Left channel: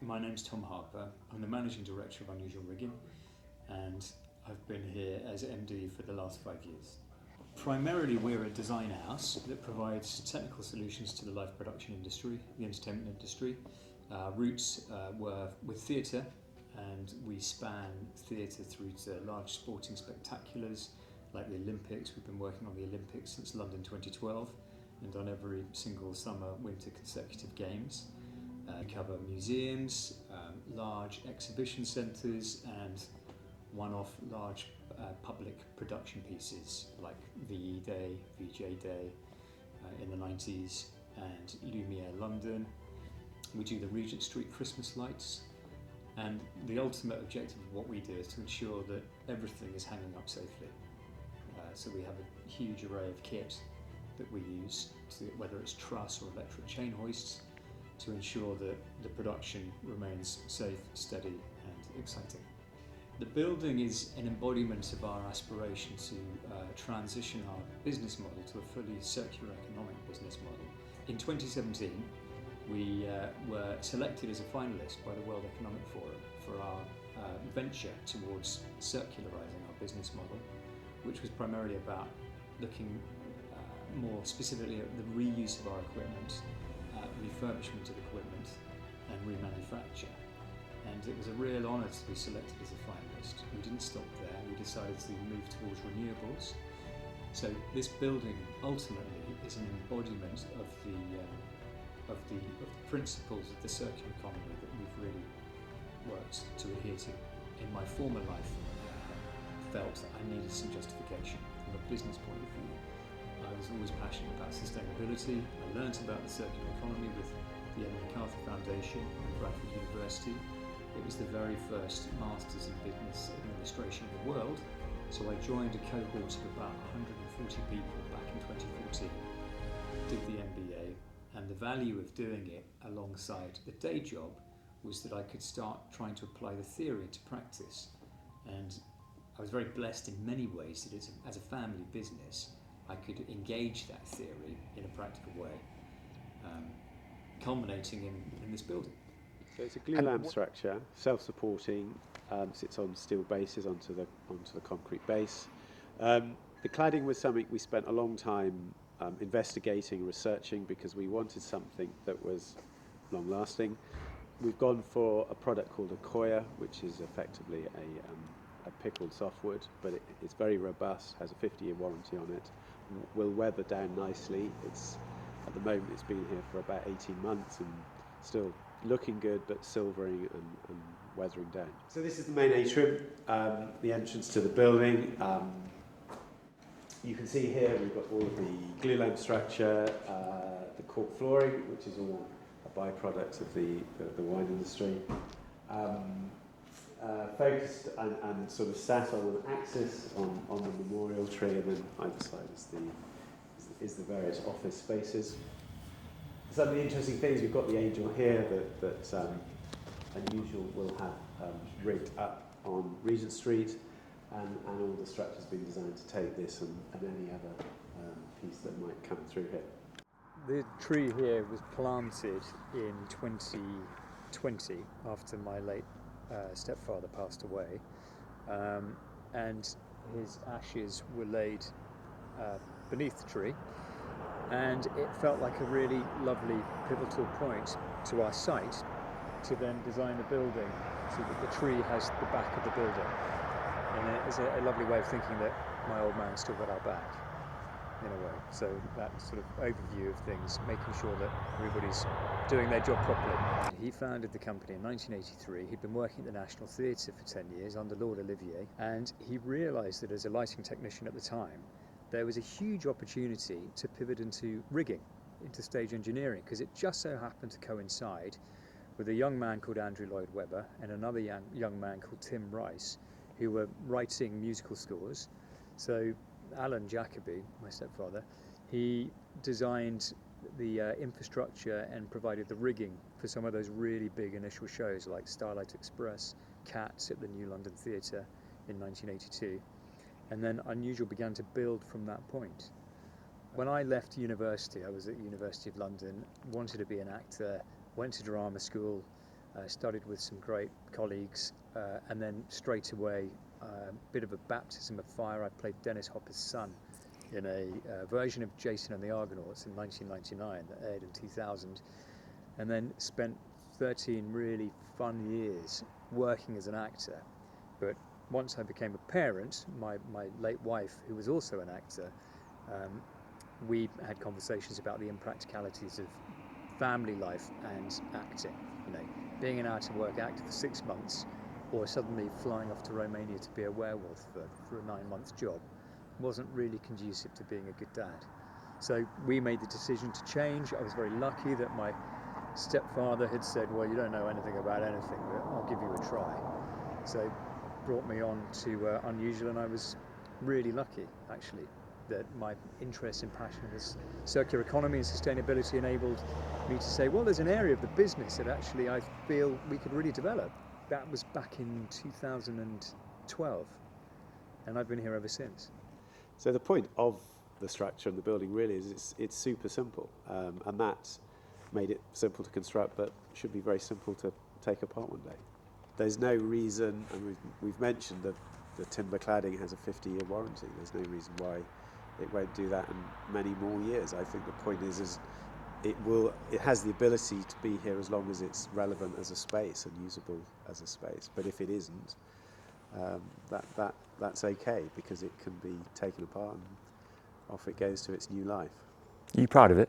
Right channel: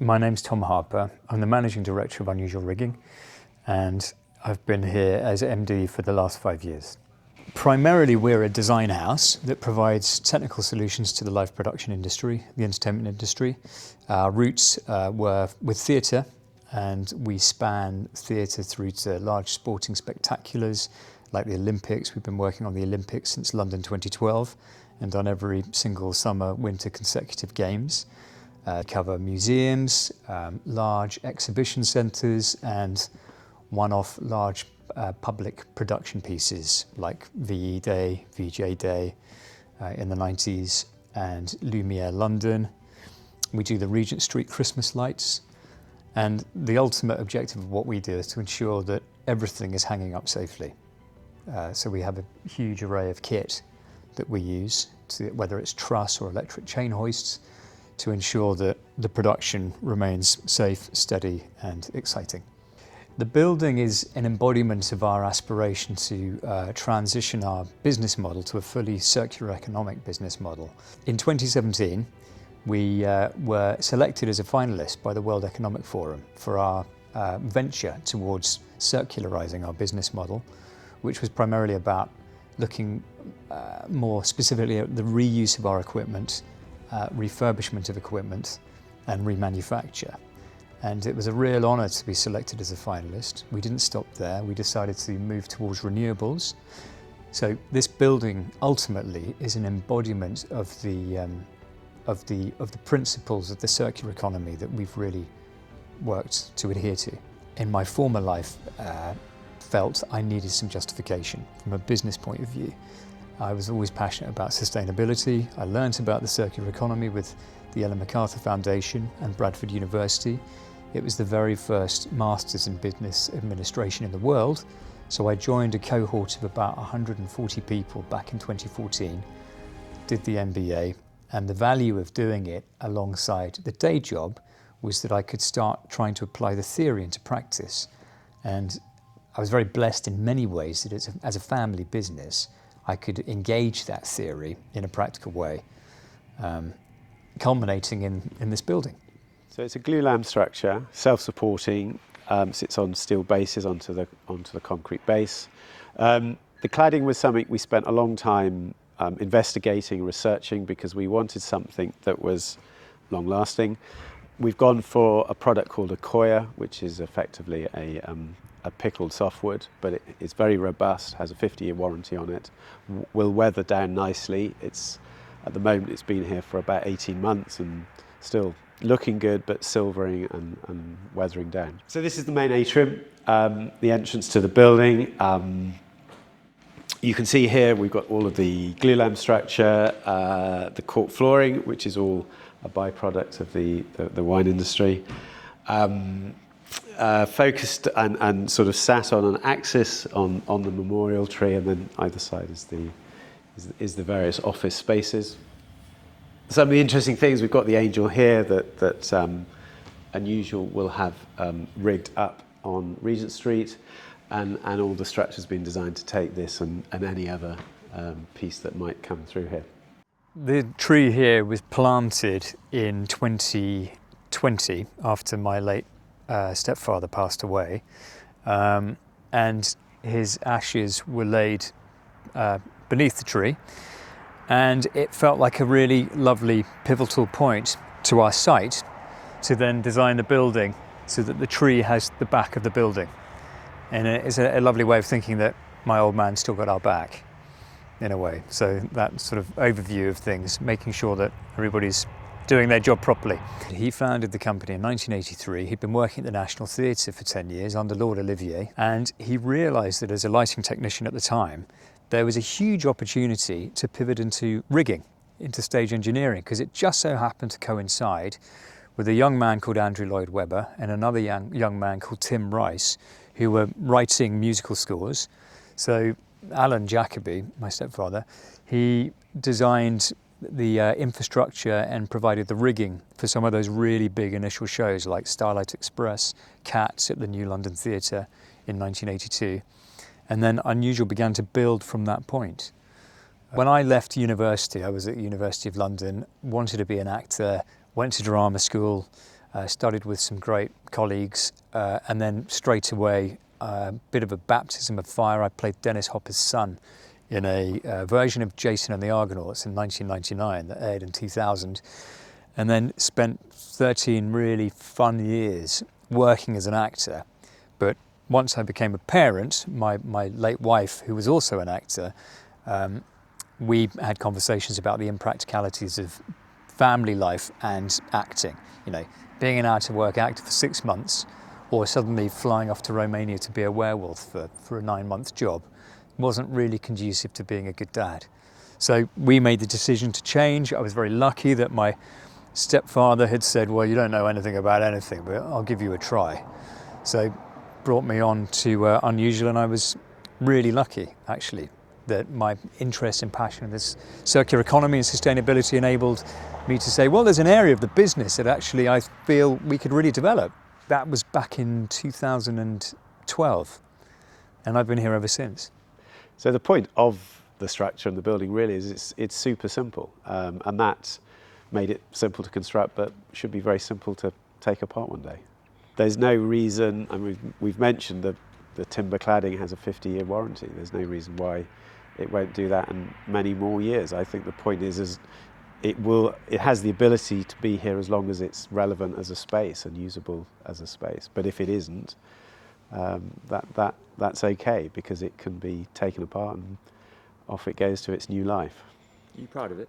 My name's Tom Harper. I'm the Managing Director of Unusual Rigging, and I've been here as MD for the last 5 years. Primarily, we're a design house that provides technical solutions to the live production industry, the entertainment industry. Our roots were with theatre, and we span theatre through to large sporting spectaculars like the Olympics. We've been working on the Olympics since London 2012 and on every single summer, winter consecutive games. Cover museums, large exhibition centres and one-off large public production pieces like VE Day, VJ Day in the 90s and Lumiere London. We do the Regent Street Christmas lights, and the ultimate objective of what we do is to ensure that everything is hanging up safely. So we have a huge array of kit that we use, whether it's truss or electric chain hoists, to ensure that the production remains safe, steady and exciting. The building is an embodiment of our aspiration to transition our business model to a fully circular economic business model. In 2017, we were selected as a finalist by the World Economic Forum for our venture towards circularizing our business model, which was primarily about looking more specifically at the reuse of our equipment, refurbishment of equipment and remanufacture. And it was a real honour to be selected as a finalist. We didn't stop there, we decided to move towards renewables. So this building ultimately is an embodiment of the principles of the circular economy that we've really worked to adhere to. In my former life, felt I needed some justification from a business point of view. I was always passionate about sustainability. I learnt about the circular economy with the Ellen MacArthur Foundation and Bradford University. It was the very first Masters in Business Administration in the world, so I joined a cohort of about 140 people back in 2014, did the MBA, and the value of doing it alongside the day job was that I could start trying to apply the theory into practice. And I was very blessed in many ways that as a family business, I could engage that theory in a practical way, culminating in this building. So it's a glulam structure, self-supporting, sits on steel bases onto the concrete base. The cladding was something we spent a long time investigating, researching, because we wanted something that was long-lasting. We've gone for a product called a coir, which is effectively a pickled softwood, but it's very robust, has a 50-year warranty on it, will weather down nicely. At the moment it's been here for about 18 months and still looking good, but silvering and weathering down. So this is the main atrium, the entrance to the building. You can see here we've got all of the glulam structure, the cork flooring, which is all a byproduct of the wine industry. Focused and sort of sat on an axis on the memorial tree, and then either side is the various office spaces. Some of the interesting things, we've got the angel here that Unusual will have rigged up on Regent Street, and all the structure's been designed to take this and any other piece that might come through here. The tree here was planted in 2020 after my late stepfather passed away, and his ashes were laid beneath the tree, and it felt like a really lovely pivotal point to our site to then design the building so that the tree has the back of the building. And it's a lovely way of thinking that my old man still got our back in a way. So that sort of overview of things, making sure that everybody's doing their job properly. He founded the company in 1983. He'd been working at the National Theatre for 10 years under Lord Olivier, and he realised that as a lighting technician at the time, there was a huge opportunity to pivot into rigging, into stage engineering, because it just so happened to coincide with a young man called Andrew Lloyd Webber and another young man called Tim Rice, who were writing musical scores. So Alan Jacoby, my stepfather, he designed the infrastructure and provided the rigging for some of those really big initial shows like Starlight Express, Cats at the New London Theatre in 1982. And then Unusual began to build from that point. When I left university, I was at the University of London, wanted to be an actor, went to drama school, Studied with some great colleagues, and then straight away, a bit of a baptism of fire. I played Dennis Hopper's son in a version of Jason and the Argonauts in 1999 that aired in 2000, and then spent 13 really fun years working as an actor. But once I became a parent, my late wife, who was also an actor, we had conversations about the impracticalities of family life and acting. You know, being an out-of-work actor for 6 months, or suddenly flying off to Romania to be a werewolf for a 9-month job, wasn't really conducive to being a good dad. So we made the decision to change. I was very lucky that my stepfather had said, well, you don't know anything about anything, but I'll give you a try. So brought me on to Unusual, and I was really lucky, actually, that my interest and passion in this circular economy and sustainability enabled me to say, well, there's an area of the business that actually I feel we could really develop. That was back in 2012, and I've been here ever since. So the point of the structure and the building really is it's super simple, and that made it simple to construct, but should be very simple to take apart one day. There's no reason, and we've mentioned that the timber cladding has a 50-year warranty. There's no reason why it won't do that in many more years. I think the point is it has the ability to be here as long as it's relevant as a space and usable as a space. But if it isn't, that's okay, because it can be taken apart and off it goes to its new life. Are you proud of it?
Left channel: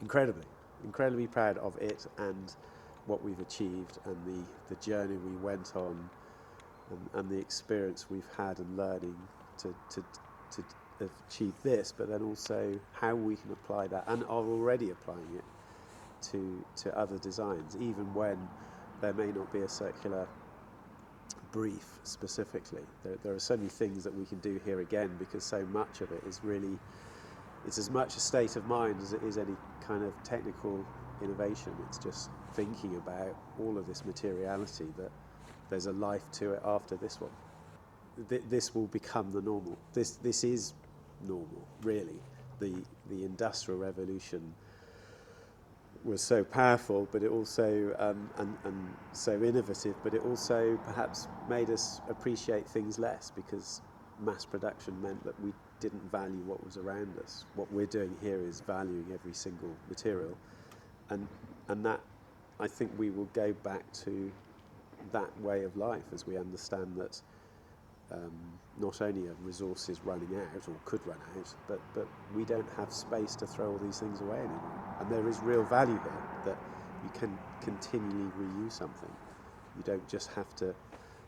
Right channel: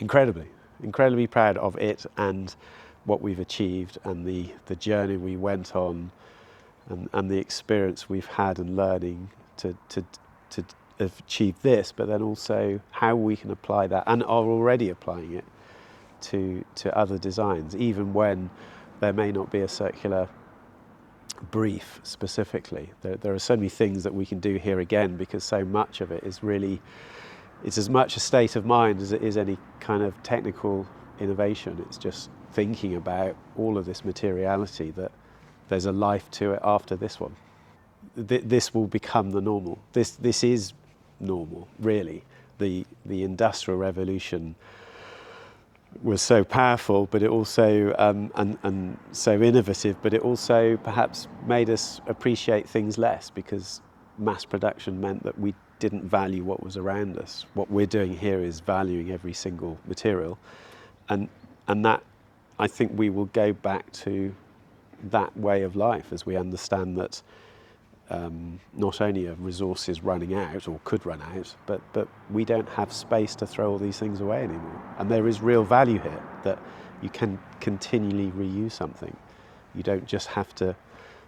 Incredibly proud of it and what we've achieved, and the journey we went on, and the experience we've had and learning to achieve this, but then also how we can apply that, and are already applying it to other designs, even when there may not be a circular brief specifically. There are so many things that we can do here again, because so much of it is really, it's as much a state of mind as it is any kind of technical innovation. It's just thinking about all of this materiality, that there's a life to it after this one. This will become the normal. This is normal, really. The Industrial Revolution was so powerful, but it also and so innovative, but it also perhaps made us appreciate things less, because mass production meant that we didn't value what was around us. What we're doing here is valuing every single material, and that, I think we will go back to that way of life as we understand that not only are resources running out, or could run out, but we don't have space to throw all these things away anymore. And there is real value here, that you can continually reuse something. You don't just have to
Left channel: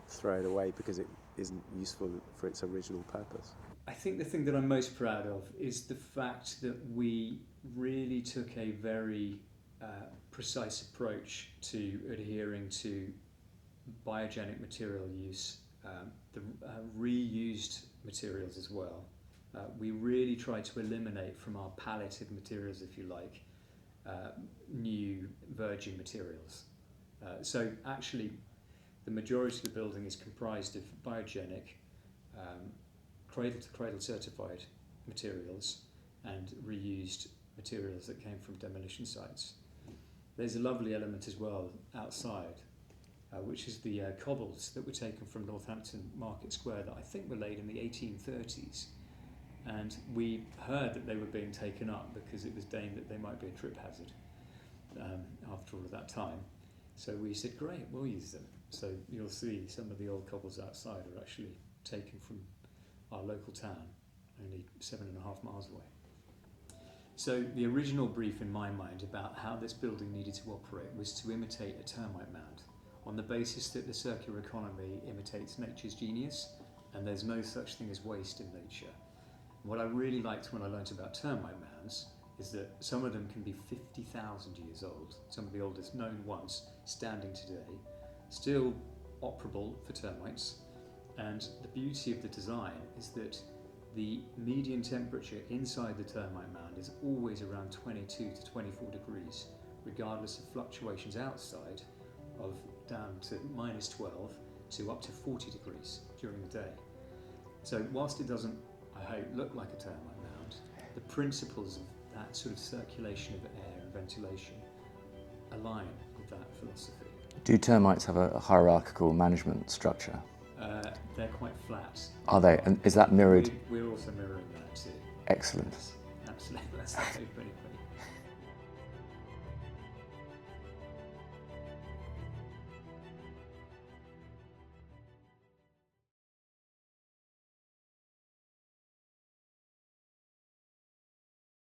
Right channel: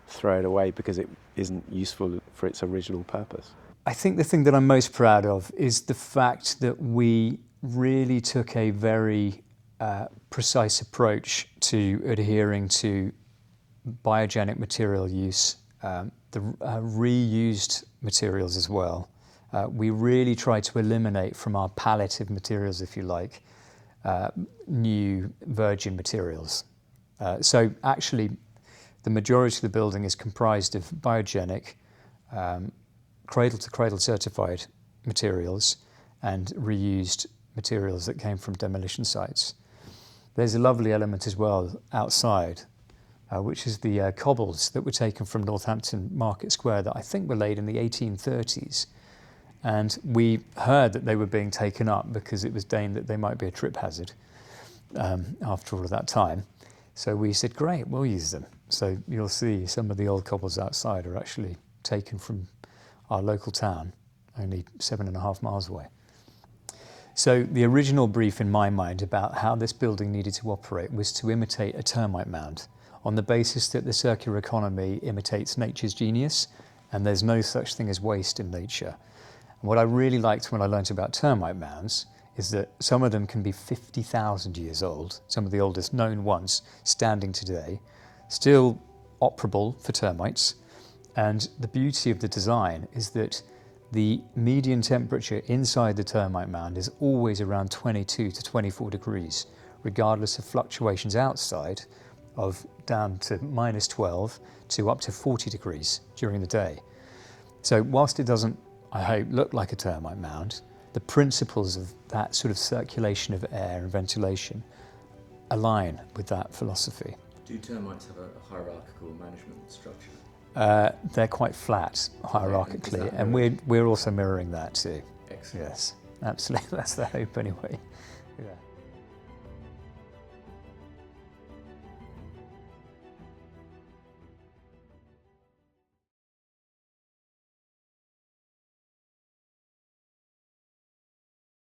throw it away because it isn't useful for its original purpose. I think the thing that I'm most proud of is the fact that we really took a very precise approach to adhering to biogenic material use, the reused materials as well. We really tried to eliminate from our palette of materials, if you like, new virgin materials. So actually, the majority of the building is comprised of biogenic, cradle-to-cradle certified materials and reused materials that came from demolition sites. There's a lovely element as well outside, which is the cobbles that were taken from Northampton Market Square that I think were laid in the 1830s. And we heard that they were being taken up because it was deigned that they might be a trip hazard after all of that time. So we said, great, we'll use them. So you'll see some of the old cobbles outside are actually taken from our local town, only 7.5 miles away. So the original brief in my mind about how this building needed to operate was to imitate a termite mound, on the basis that the circular economy imitates nature's genius, and there's no such thing as waste in nature. And what I really liked when I learned about termite mounds is that some of them can be 50,000 years old, some of the oldest known ones standing today, still operable for termites. And the beauty of the design is that the median temperature inside the termite mound is always around 22 to 24 degrees, regardless of fluctuations outside of down to minus 12 to up to 40 degrees during the day. So whilst it doesn't, I hope, look like a termite mound, the principles of that sort of circulation of air and ventilation align with that philosophy. Do termites have a hierarchical management structure? They're quite flat. Are they? And is that hierarchically, mirrored? And we're also mirroring that too. Excellent. Yes, absolutely. That's the hope anyway.